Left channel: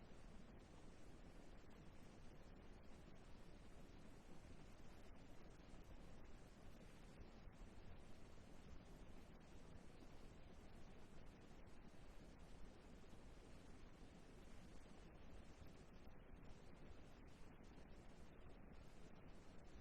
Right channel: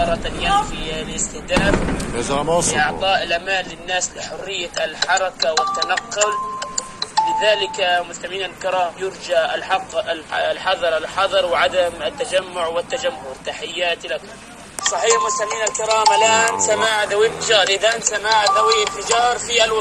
مرة ينفي الاستهداف لإعطاء الأمان للناس لحرية الحركة والتنقل. لذلك مستمعينا الكرام يرجى الحذر وعدم التجمع والتجمهر. تحياتي لكم. صحيح مستمعينا الكرام، الآن سماع ذوي انفجار في الوطن.